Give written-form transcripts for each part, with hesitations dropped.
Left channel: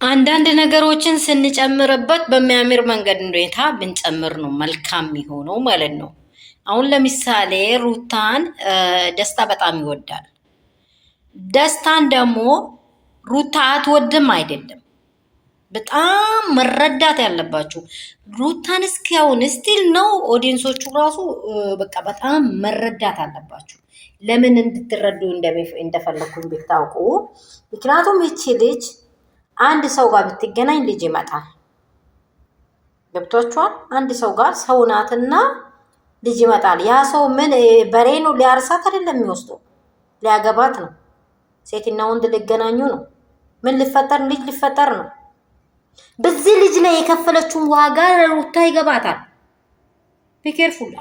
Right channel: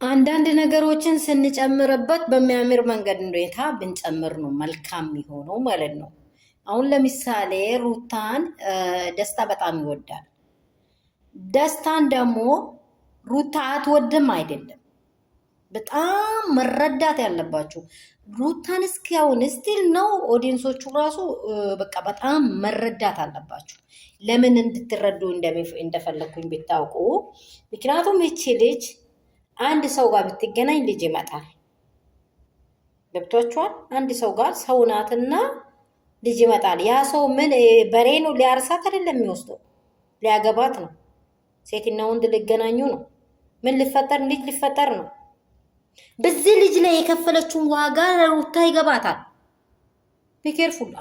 አንዳንድ ነገሮችን ስንጨምርበት በሚያምር መንገድ ሁኔታ ብንጨምር ነው መልካም የሚሆነው ማለት ነው። አሁን ለምሳሌ ሩታን ደስታ በጣም ይወዳል። ደስታን ደግሞ ሩታ አትወድም አይደለም። በጣም መረዳት ያለባችሁ ሩታን እስኪያውን ስቲል ነው ኦዲየንሶቹ ራሱ በቃ በጣም መረዳት አለባችሁ። ለምን እንድትረዱ እንደፈለኩኝ ብታውቁ። ምክንያቱም ይቺ ልጅ አንድ ሰው ጋር ብትገናኝ ልጅ ይመጣል። ገብቷችኋል? አንድ ሰው ጋር ሰው ናትና ልጅ ይመጣል። ያ ሰው ምን በሬ ነው? ሊያርሳት አይደለም የሚወስደው፣ ሊያገባት ነው። ሴትና ወንድ ሊገናኙ ነው። ምን ሊፈጠር? ልጅ ሊፈጠር ነው። በዚህ ልጅ ላይ የከፈለችውን ዋጋ ለሩታ ይገባታል። ቢኬርፉል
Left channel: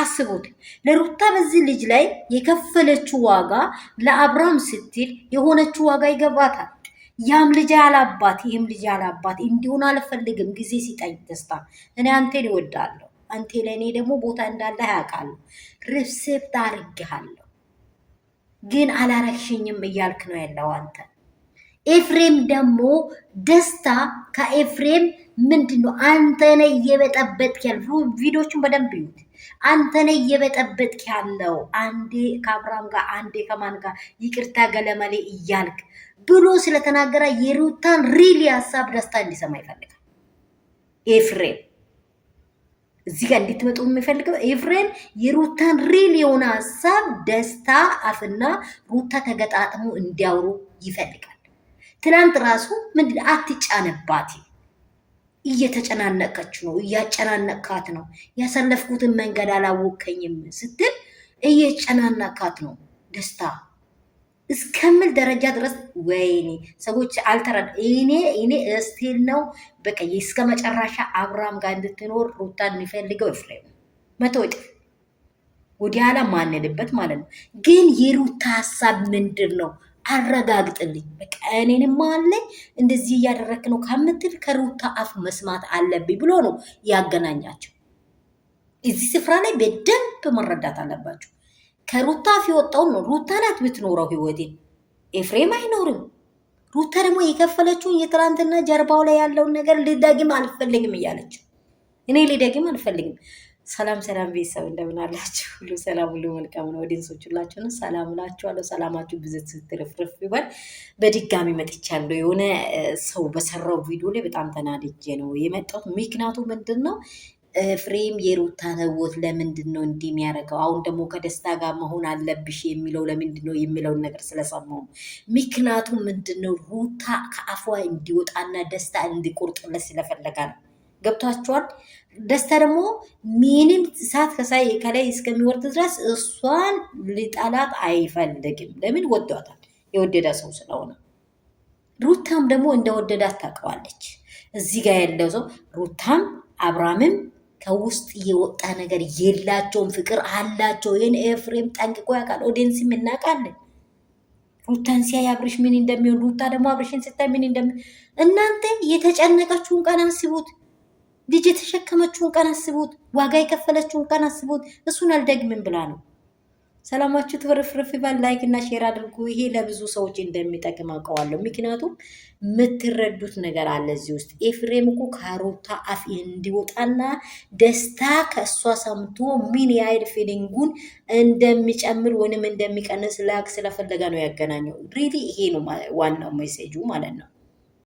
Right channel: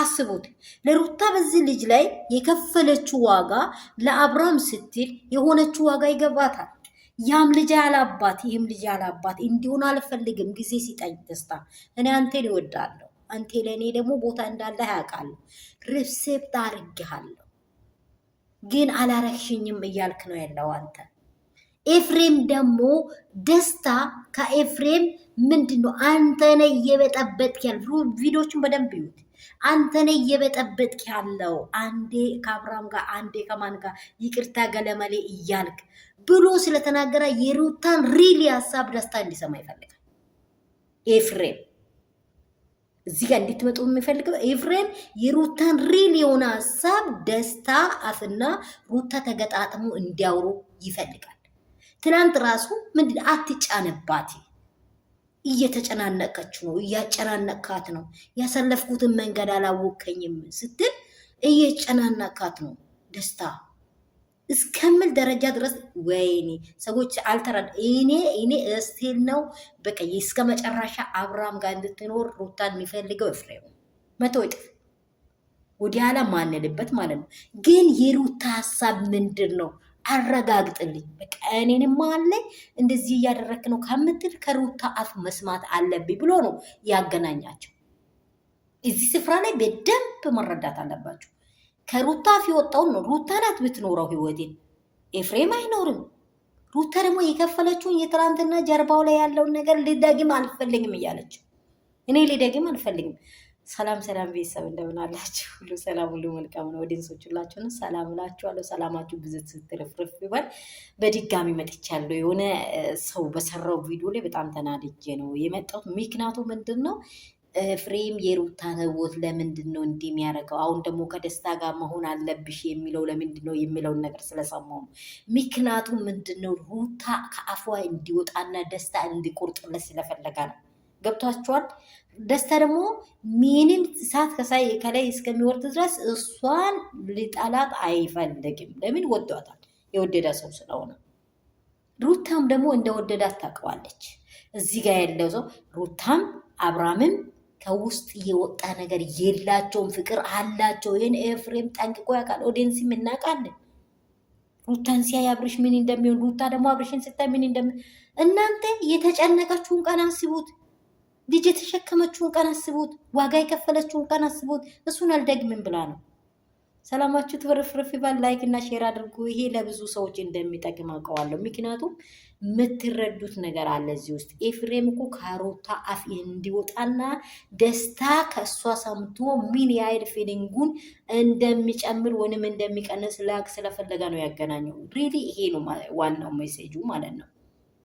አስቡት። ለሩታ በዚህ ልጅ ላይ የከፈለችው ዋጋ ለአብርሃም ስትል የሆነችው ዋጋ ይገባታል። ያም ልጅ ያላባት ይህም ልጅ ያላባት እንዲሆን አልፈልግም። ጊዜ ሲጠኝ ደስታ እኔ አንቴን ይወዳለሁ። አንቴ ለእኔ ደግሞ ቦታ እንዳለ ያውቃለሁ። ሪሴፕት አድርጌሃለሁ ግን አላረግሽኝም እያልክ ነው ያለው አንተ። ኤፍሬም ደግሞ ደስታ ከኤፍሬም ምንድን ነው? አንተ ነህ እየበጠበጥክ ያለው። ቪዲዮቹን በደንብ ይዩት። አንተ ነህ እየበጠበጥክ ያለው። አንዴ ከአብርሃም ጋር አንዴ ከማን ጋር ይቅርታ ገለመሌ እያልክ ብሎ ስለተናገረ የሩታን ሪሊ ሀሳብ ደስታ እንዲሰማ ይፈልጋል። ኤፍሬም እዚህ ጋር እንድትመጡ የሚፈልገው ኤፍሬም የሩታን ሪሊ የሆነ ሀሳብ ደስታ አፍና ሩታ ተገጣጥሞ እንዲያወሩ ይፈልጋል። ትናንት ራሱ ምንድን አትጫነባት፣ እየተጨናነቀች ነው፣ እያጨናነካት ነው። ያሳለፍኩትን መንገድ አላወቀኝም ስትል እየጨናነካት ነው ደስታ እስከምል ደረጃ ድረስ። ወይኔ ሰዎች አልተረዳ። እኔ እስቲል ነው በቃ እስከ መጨረሻ አብርሃም ጋር እንድትኖር ሩታን የሚፈልገው ኤፍሬም መቶ እጥፍ ወደ ኋላ ማንልበት ማለት ነው። ግን የሩታ ሀሳብ ምንድን ነው? አረጋግጥልኝ። በቃ እኔንም አለኝ እንደዚህ እያደረክ ነው ከምትል ከሩታ አፍ መስማት አለብኝ ብሎ ነው ያገናኛቸው። እዚህ ስፍራ ላይ በደንብ መረዳት አለባቸው። ከሩታ አፍ የወጣውን ነው። ሩታ ናት ብትኖረው ህይወቴን፣ ኤፍሬም አይኖርም። ሩታ ደግሞ የከፈለችውን የትላንትና ጀርባው ላይ ያለውን ነገር ልደግም አልፈልግም እያለችው፣ እኔ ልደግም አልፈልግም። ሰላም ሰላም ቤተሰብ እንደምን አላችሁ? ሁሉ ሰላም ሁሉ መልካም ነው። ኦዲየንሶች ሁላችሁንም ሰላም እላችኋለሁ። ሰላማችሁ ብዝት ስትርፍርፍ ይበል። በድጋሚ መጥቻለሁ። የሆነ ሰው በሰራው ቪዲዮ ላይ በጣም ተናድጄ ነው የመጣሁት። ምክንያቱ ምንድን ነው? ኤፍሬም የሩታን ህይወት ለምንድን ነው እንዲህ የሚያደርገው? አሁን ደግሞ ከደስታ ጋር መሆን አለብሽ የሚለው ለምንድን ነው የሚለውን ነገር ስለሰማሁ ነው። ምክንያቱ ምንድን ነው? ሩታ ከአፏ እንዲወጣና ደስታ እንዲቆርጥለት ስለፈለጋ ነው። ገብቷችኋል? ደስታ ደግሞ ምንም እሳት ከላይ እስከሚወርድ ድረስ እሷን ሊጠላት አይፈልግም። ለምን? ወዷታል። የወደዳ ሰው ስለሆነ። ሩታም ደግሞ እንደወደዳት ታውቀዋለች። እዚህ ጋር ያለው ሰው ሩታም አብርሃምም ከውስጥ የወጣ ነገር የላቸውም። ፍቅር አላቸው። ይህን ኤፍሬም ጠንቅቆ ያውቃል። ኦዲየንስም እናውቃለን። ሩታን ሲያይ አብርሽ ምን እንደሚሆን፣ ሩታ ደግሞ አብርሽን ስታይ ምን እንደሚሆን። እናንተ የተጨነቀችውን ቀን አስቡት። ልጅ የተሸከመችውን ቀን አስቡት። ዋጋ የከፈለችውን ቀን አስቡት። እሱን አልደግምም ብላ ነው። ሰላማችሁ ትፍርፍርፍ ይባል። ላይክ እና ሼር አድርጉ። ይሄ ለብዙ ሰዎች እንደሚጠቅም አውቀዋለሁ። ምክንያቱም የምትረዱት ነገር አለ እዚህ ውስጥ። ኤፍሬም እኮ ከሩታ አፍ እንዲወጣና ደስታ ከእሷ ሰምቶ ምን ያህል ፊሊንጉን እንደሚጨምር ወይንም እንደሚቀንስ ላክ ስለፈለገ ነው ያገናኘው። ሪሊ ይሄ ነው ዋናው ሜሴጁ ማለት ነው።